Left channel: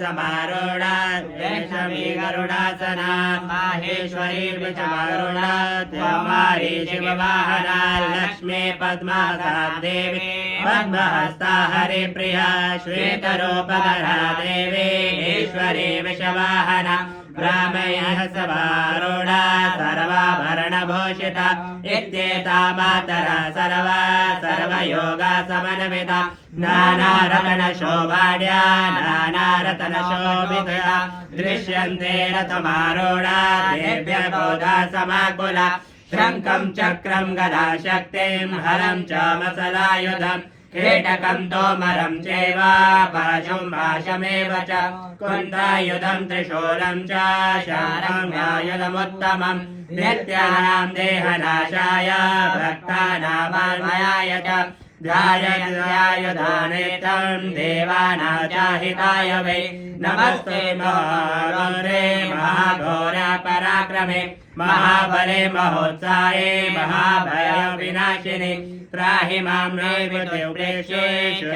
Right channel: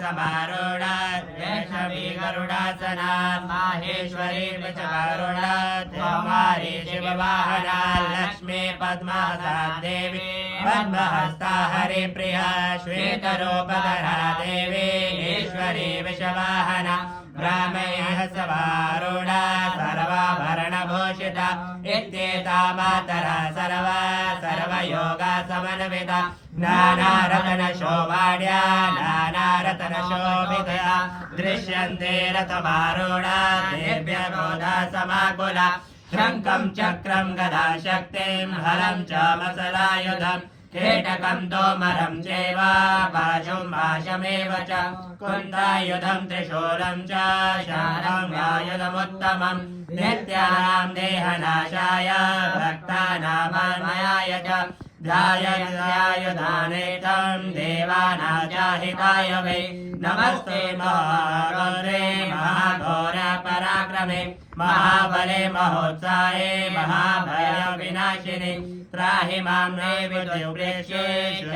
समारूढा वैष्णवी गरुडासना माहेश्वरी वृषभारूढा कौमारी शिववाहना लक्ष्मी पद्मासना देवी पद्महस्ता हरिप्रिया श्वेतरूपधरा देवी ईश्वरी विषवाहना ब्राह्मयः सभारूढा सर्वाभरणभूषिता इत्येता मातरः सर्वा सर्वयोगा समन्विता नानारत्नशोभाढ्या नानारत्नशोभितया दृश्यन्ते रथमारूढा देव्यः गोदा समाकुला शङ्खं चक्रं गदा शक्तिं हलं च मसलायुधम् कीटकं तोमरं चैव पाशं भाषमेव च कुन्तायुधं त्रिशूलं च शारङ्गायुधमुत्तमम् नित्यानां देहनाशाय भक्तानामाय च ध्यायायुधानेत्रं देवानां च हिताय वै नमस्ते महागौरे महाघोर पराक्रमे महाबले महोत्साहे महाभय विनाशिने त्राहि मां मे विदुर्देशेषु